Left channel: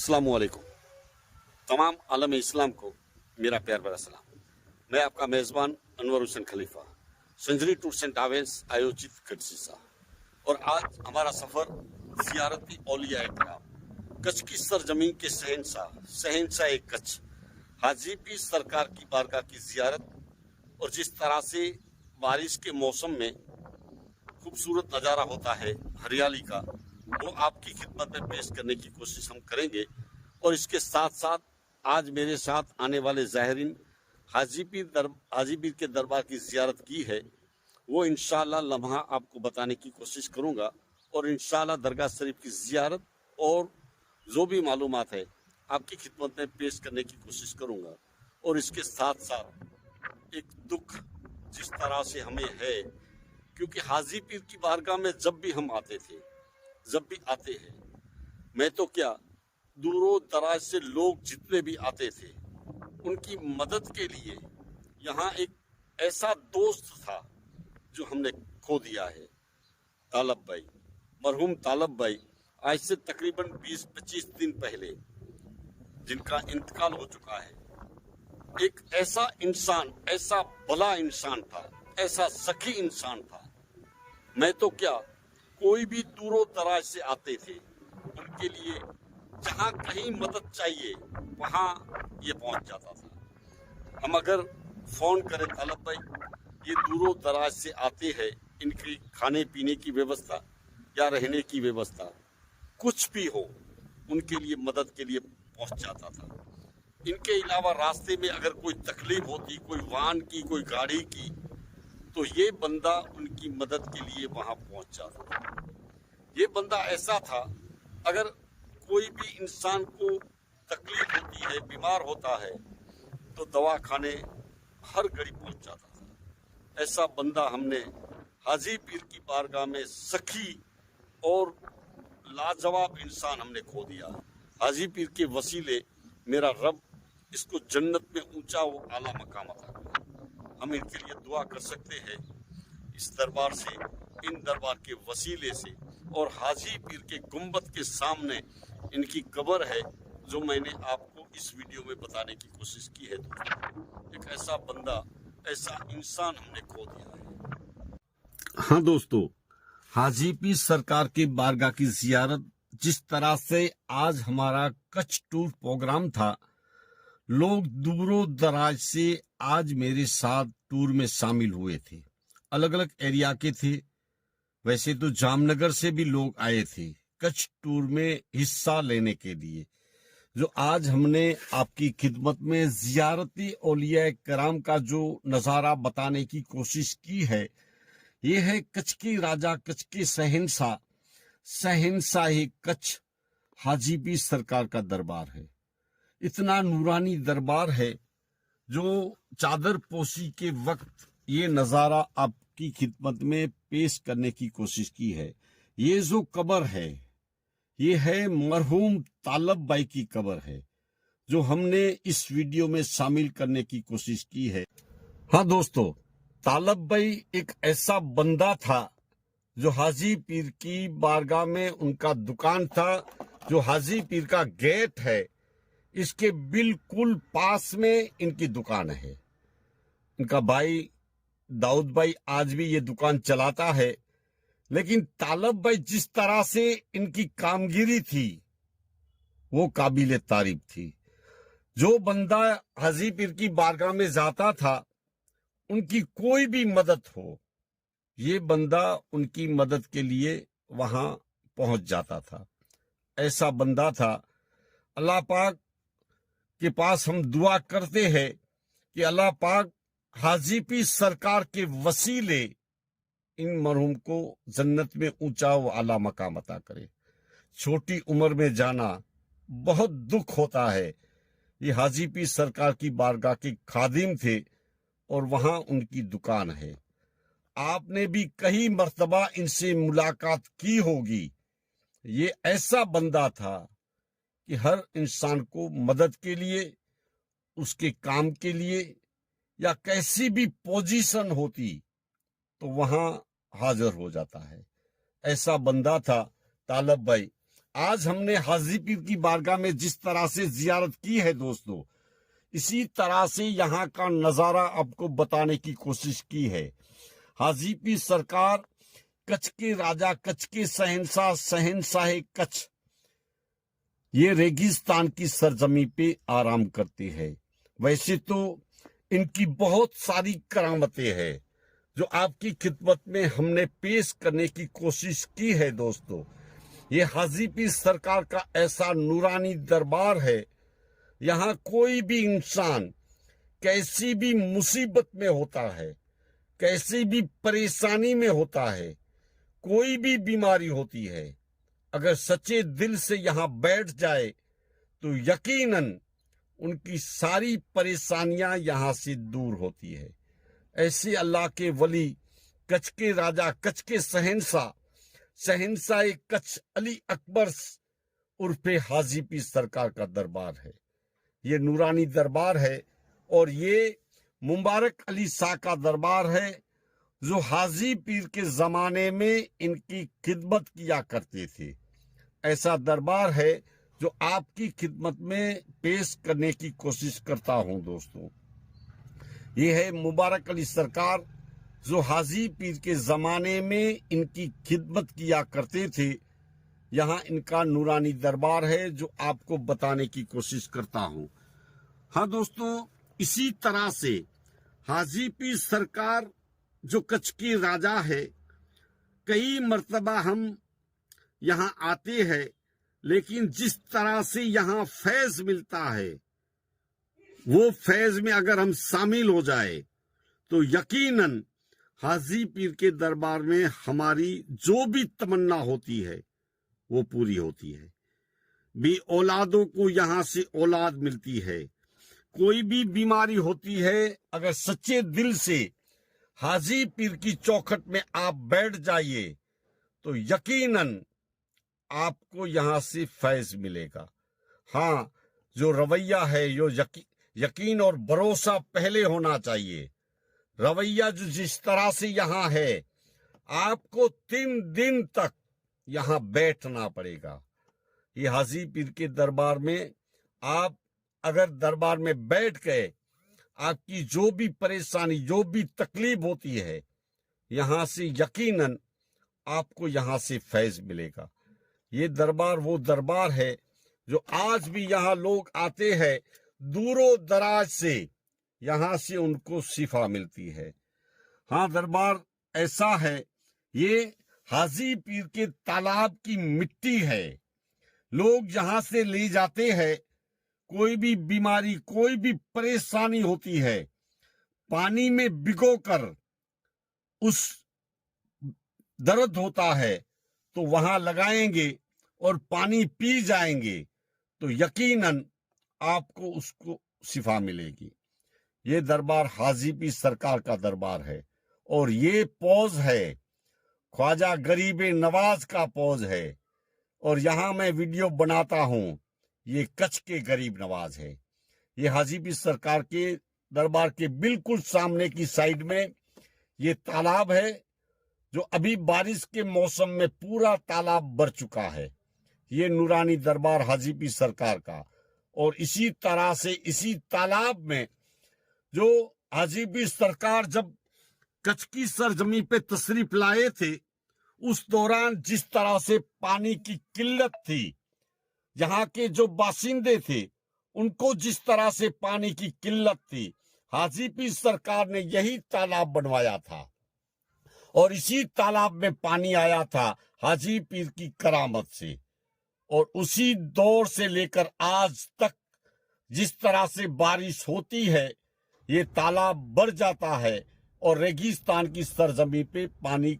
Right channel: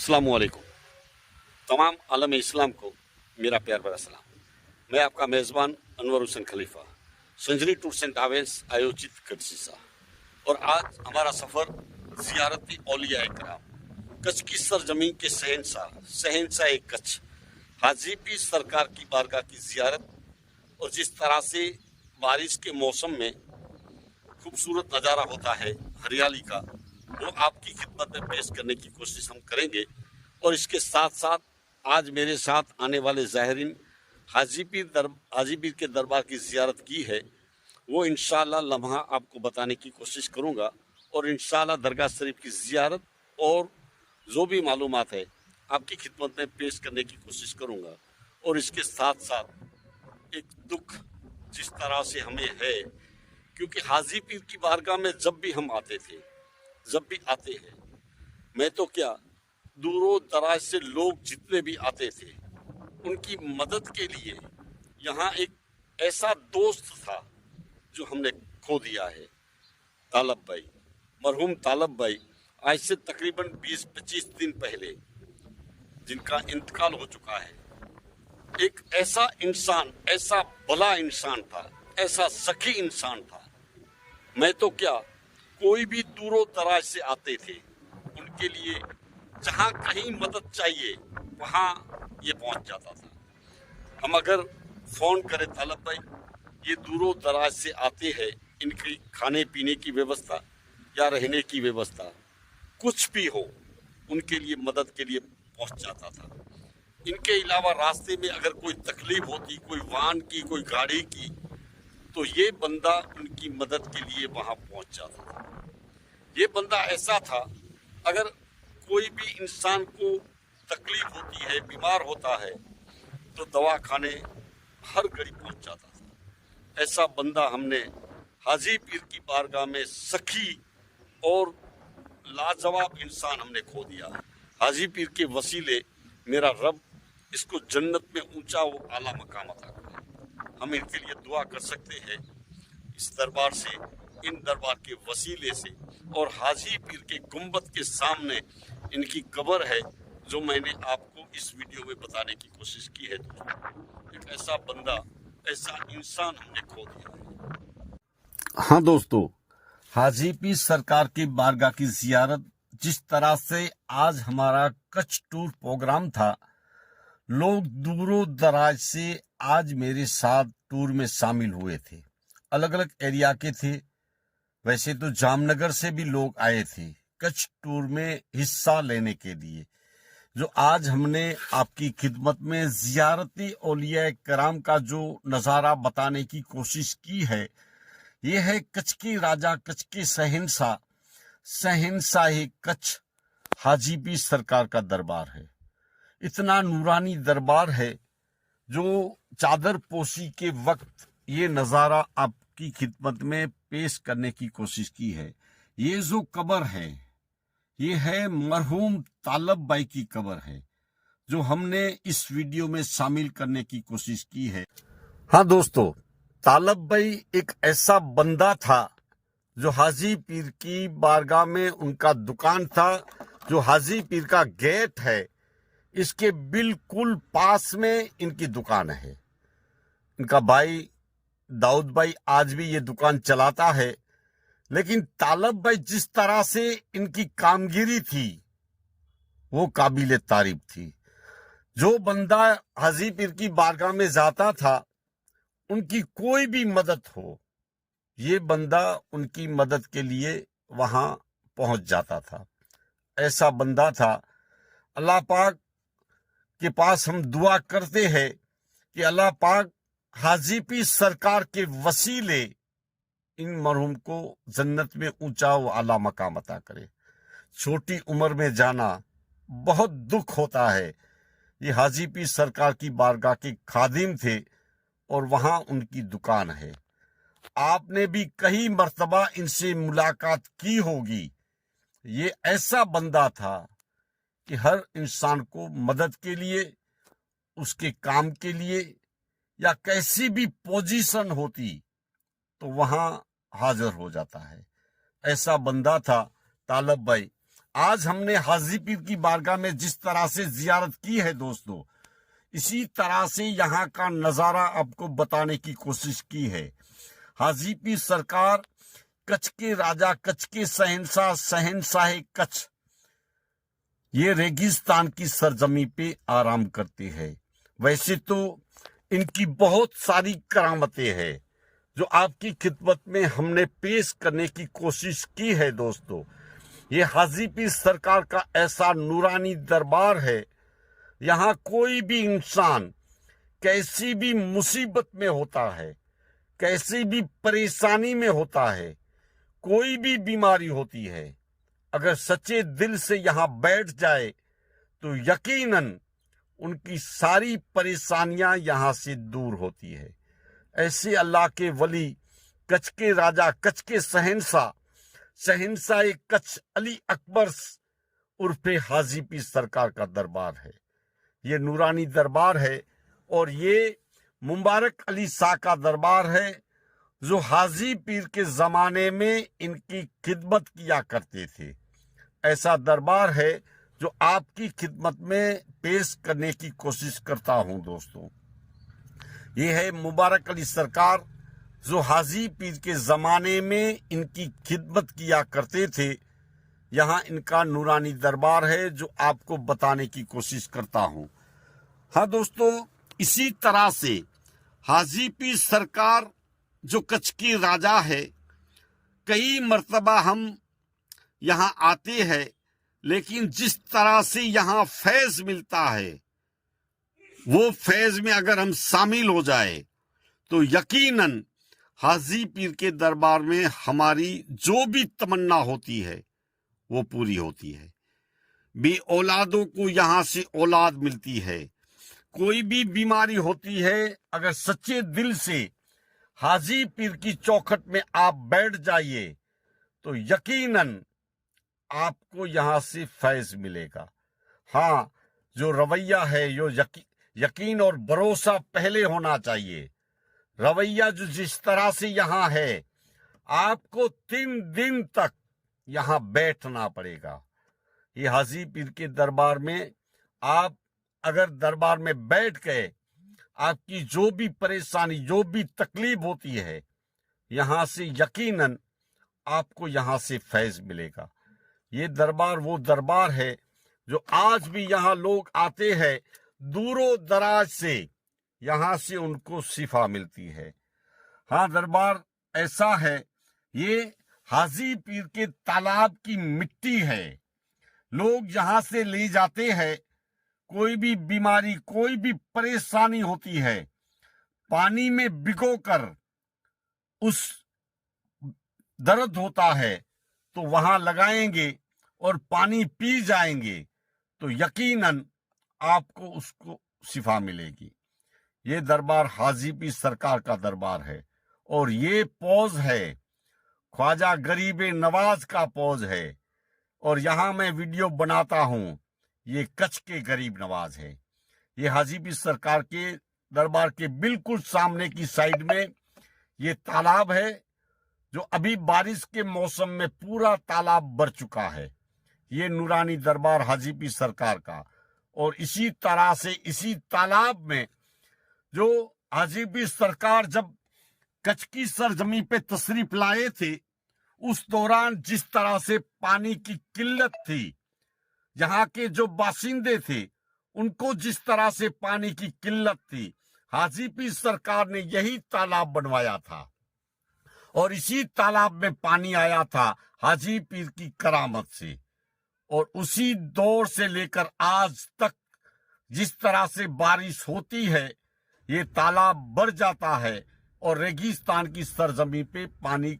अस्सलामुअलैकुम। तमाम आलम इस्लाम को मेरा प्यार भरा सलाम। मैं आपका मेज़बान अनवर हुसैन खलीफा, संजरी टूर्स एंड ट्रैवल्स आयोजित कच्छ सा। और आज हमारा सफ़र ज़ियारती औलिया कराम, कच्छ की सरजमीन के शहंशाह कच्छ हाजी पीर सरकार की बारगाह की ज़ियारत। और जिस तरह से बारिश के मौसम में खूबसूरत नज़ारा होता है हरियाली का, वो आपकी खिदमत में पेश करने की कोशिश हम करेंगे। और इसके साथ साथ आज मेरे साथ आने वाले ज़ाहिरीन हाजी पीर के दरबार की ज़ियारत की है, वो इंशाअल्लाह लम्हा आपको बताने की कोशिश करूँगा। और इंशाअल्लाह दरगाह शरीफ की ज़ियारत और जो भी मालूमात है आपकी खिदमत में पेश करने की कोशिश करूँगा। और इसके साथ साथ एक दुख जिस तरह से हमें है, क्योंकि हाजी पीर की बारगाह में जब भी हम आते हैं, मैं तो क्या दूरों दराज से लोग जितने भी आते थे उनकी मदद के लिए यहाँ एक ऐसा दोस्त था जो हमने खो दिया है, तालब भाई, मरहूम तालब भाई। आज से तकरीबन 20-25 दिन पहले जिनका इंतकाल हो चुका है। एक ऐसा इंसान, ऐसा भला इंसान था, ऐसा सखी इंसान था। मैं तो क्या कोई भी दूरों दराज से आते थे उनके लिए जहाँ कहीं मदद चाहिए वहाँ ये पहुँच जाता था। हम अगर फ़ोन करें तालब भाई, ये दूरों दराज से आते हैं, इनकी खाने पीने की व्यवस्था या रहने की व्यवस्था कुछ भी हो, उनके लिए मदद के लिए पहुँच जाता था। इनके अलावा रास्ते में अगर कोई तकलीफ होती, कोई वाहन की, कोई गाड़ी की, तो ये बंदा उनकी मदद के लिए वहाँ पहुँच जाता था। ये बंदा ऐसा था, अगर कोई भी इंसान को तकलीफ होती है, बीमार होता है, तो दवा खाने हर घड़ी पहुँच जाता था। ऐसा बंदा हमने हाजी पीर की बारगाह में सखी और लाजवाब इंसान हमने खो दिया। हाजी पीर के वसीले मेरा रब इसको जन्नत में ऊंचा व आला मकाम अता करे। हम इनके लिए दुआ कर सकते हैं इस दरबार से, इन दरबार के वसीले से। और हाजी पीर के गुंबद के सामने इनकी कब्र है, जो मैंने आपको इस वीडियो में बताने की कोशिश की है। दोस्तों, एक ऐसा बंदा, ऐसा इंसान हमने खो दिया है। हाँ दोस्तों, हाजी पीर सरकार की बारगाह की जियारत, जिस तरह से आज हमारा कच्छ टूर प्रोग्राम था, लोग दूरों दराज से आज मेरे साथ टूर में शामिल हुए थे। अलग अलग एरिया के थे। वैसे तो जामनगर से भी लोग आए थे कच्छ टूर में हिस्सा लेने के लिए। जो आज हमने आपकी खिदमत में जियारती औलिया कराम का जो नज़ारा बताने की कोशिश की है, ये है कच्छ के राजा, कच्छ के शहंशाह कच्छ हाजी पीर सरकार का दरबार है। इतना नूरानी दरबार है, जो चादर पोशी के वक्त ये नज़ारा आपकी खिदमत में पेश करने की कोशिश की है। ये जो कब्र है, ये है मरहूम तालब भाई की कब्र है, जो हमने इस वीडियो में शामिल करने की कोशिश की है। हाँ दोस्तों, तालब भाई एक ऐसा बंदा था जो हाजी पीर की बारगाह में उनका दुकान था। जो हाजी पीर का गेट है, इसके बिल्कुल पास में इनकी दुकान है। इनका भाई दाऊद भाई आज भी ये दुकान चलाता है। लेकिन तालब भाई जिस तरह से इनकी कामगिरी थी, वो काबिल तारीफ थी। जो बंदा हाजी पीर की बारगाह में जाता था, उनकी कोई भी मदद हो, ये बंदा उनकी मदद के लिए वहां पहुंच जाता था। ऐसा बंदा था। अल्लाह पाक के पास हम दुआ करते हैं कि अल्लाह पाक हाजी पीर सरकार के वसीले इन मरहूम को जन्नत में ऊंचा व आला मकाम अता करे। छोटी उम्र में जाना बहुत दुख होता है। ये हाजी पीर सरकार की बारगाह के खादिम थे और वहां उनकी दुकान है। आपने भी कई मर्तबा इनसे मुलाकात की होगी। ये ऐसा बंदा था कि हर इंसान को मदद के लिए, उसके काम के लिए, या कैसी भी पोजीशन होती तो वहां हाजिर हो जाता है। ऐसा बंदा था तालब भाई। आज हमने हाजी पीर की बारगाह में जिस तरह से जियारत की है दोस्तों, इसी तरह से यहाँ का नज़ारा आपको बताने की कोशिश की है। हाजी पीर सरकार कच्छ के राजा, कच्छ के शहंशाह, शहंशाह कच्छ, ये रेगिस्तान की सरजमी पे आराम करते हैं। वैसे तो इनकी बहुत सारी करामतें हैं जो आपकी खिदमत में हमने पेश करने की कोशिश की है दोस्तों। ये हाजी पीर सरकार का ऐसा नूरानी दरबार है, यहाँ कोई भी इंसान कैसी भी मुसीबत में होता है, कैसी भी परेशानी में होता है, कोई भी बीमारी होती है, अगर सच्चे दिल से यहाँ बैठ जाए तो यकीनन उनकी सारी परेशानियां यहाँ से दूर होती है। ऐसे अल्लाह के वली, कच्छ के राजा, कच्छ के शहंशाह, शहंशाह कच्छ अली अकबर उर्फे हाजी पीर सरकार का दरबार है। ये नूरानी दरबार है और ये मुबारक अली शाह का दरबार है जो हाजी पीर के ज़माने में इनकी खिदमत किया करते थे। ऐसा दरबार है जो आपकी खिदमत में पेश करने की कोशिश करता हूं दोस्तों। ये है मुबारक अली सरकार जो हाजी पीर के ज़माने में इनकी खिदमत किया करते थे। यहाँ इनका नूरानी दरबार है जो आपको बताने की कोशिश करता हूँ। हाँ दोस्तों, इसी तरह से हाजी पीर सरकार जो कच्छ की राजा है, कई मर्तबा हम यहाँ आते हैं, लेकिन जिस तरह से यहाँ फैज़ मिलता है, वो फैज़ में अगर हम शामिल हो जाए तो यकीनन हाजी पीर के दरबार में हमारी जो भी तमन्ना होती है वो पूरी होती है। भी औलादों को यहाँ से औलाद मिलती है, कोई भी बीमारी होती है, अगर सच्चे दिल से हाजी पीर की चौखट में आप बैठ जाइए तो यकीनन आपको यहाँ से फैज़ मिलेगा। हाँ, जो रवैया है, जो यकीन और भरोसा पहले होना चाहिए। रवैया जो जिस तरह से यहाँ है, आपको 3 दिन तक यहाँ बैठना पड़ेगा। ये हाजी पीर के दरबार में आप अगर दरबार में बैठ गए, आपकी जो भी परेशानी, जो भी तकलीफ होती है, यहाँ से यकीनन आपको यहाँ से फैज़ मिलेगा। ये दरबार वो दरबार है जो आज भी यहाँ लोग आते हैं, दूरों दराज से यहाँ से उनको शिफा मिलती है। हाँ, दरबार ऐसा है, ये हाजी पीर के तालाब की मिट्टी है। लोग यहाँ से ले जाते हैं, कोई भी बीमारी, कोई भी परेशानी होती है, पानी में भिगोकर उस दर्द होता है तो वहां लगाएंगे और पानी पी जाएंगे तो यकीनन आपको उसको शिफा मिलेगी। ये दरबार हाजी पीर सरकार का दरबार है और ये पौज है, ख्वाजा गरीब नवाज का पौज है। और यहाँ मैं वीडियो बनाता हूँ, ये कच्छ के गरीब नवाज है। ये हाजी पीर सरकार के दरबार के बिल्कुल सामने की साइड में ये तालाब है जो अभी बारिश के मौसम में पूरा तालाब भर चुका है। ये नूरानी दरबार हाजी पीर सरकार का। और इसी तरह से इसी तालाब में जो हाजी पीर सरकार जब कच्छ की सरजमी पे तशरीफ लाए थे, उस दौरान जिस तरह से पानी की किल्लत थी, यहाँ के जो बाशिंदे थे उनको जिस तरह से पानी की किल्लत थी, हाजी पीर सरकार ने यही तालाब बनवाया था और इसी तालाब में पानी आया था हाजी पीर की करामत से। और उसी दौर से लेकर आज तक जिस तरह से बारिश होती है, ये तालाब बढ़ जाता है और रेगिस्तान की सरजमी पे पानी